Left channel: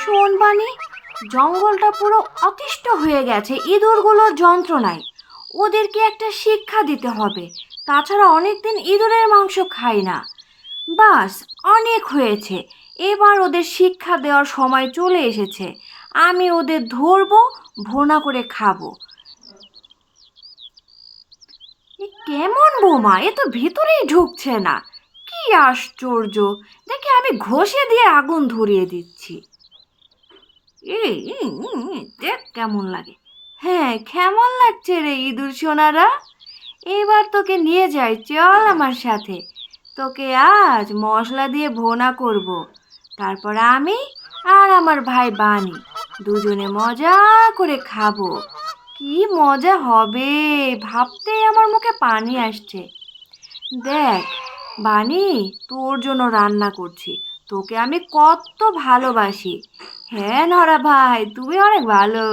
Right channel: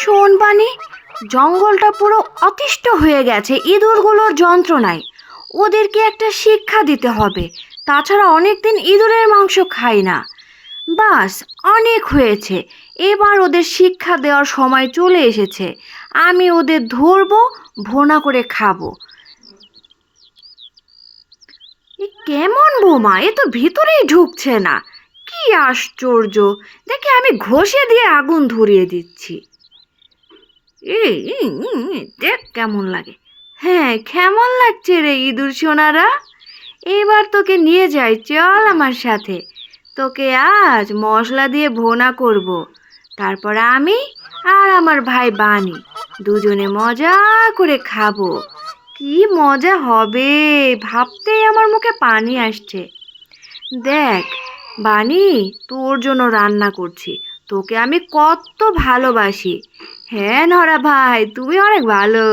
শোন বানি জঙ্গলটা পুরো অতিষ্ঠ হয়ে গেছে, ইঁদুরগুলোর যন্ত্রণায়। ওদেরকে একটা শিক্ষা দিতে হবে, তাছাড়া অনেকদিন ইঁদুরের মাংস খাই না। বাস, অনেক হয়েছে। এবার ওদের শিক্ষা দেওয়ার সময় চলে এসেছে। আমি ওদের ধরবো, ভোনা করে খাব। কেমন বোমা, এ তো ভিতরেই ঢুকছে না। কি আশ্চর্য! দেখে আমি ঘষে দিয়ে আগুন ধরিয়ে দিচ্ছি। এই দেখ কেমন লাগে। হ্যাঁ কেমন লাগছে রে ইঁদুর সোনারা? এইবার তোকে নিয়ে যাই, চল আমার সাথে। তোকে আজ মশলা দিয়ে ভোনা করব। তারপর আমি আর আমার ভাই বানি, দুজনে মজা করে খাব। কি মজা হবে, ভাবতেই আমার মুখে পানি আসছে। দেখ, বানি, তোর জন্য রান্না করছি। তোকে আমি কত ভালোবাসি। হ্যাঁ নরা ভাই তুমি অনেক ভালো।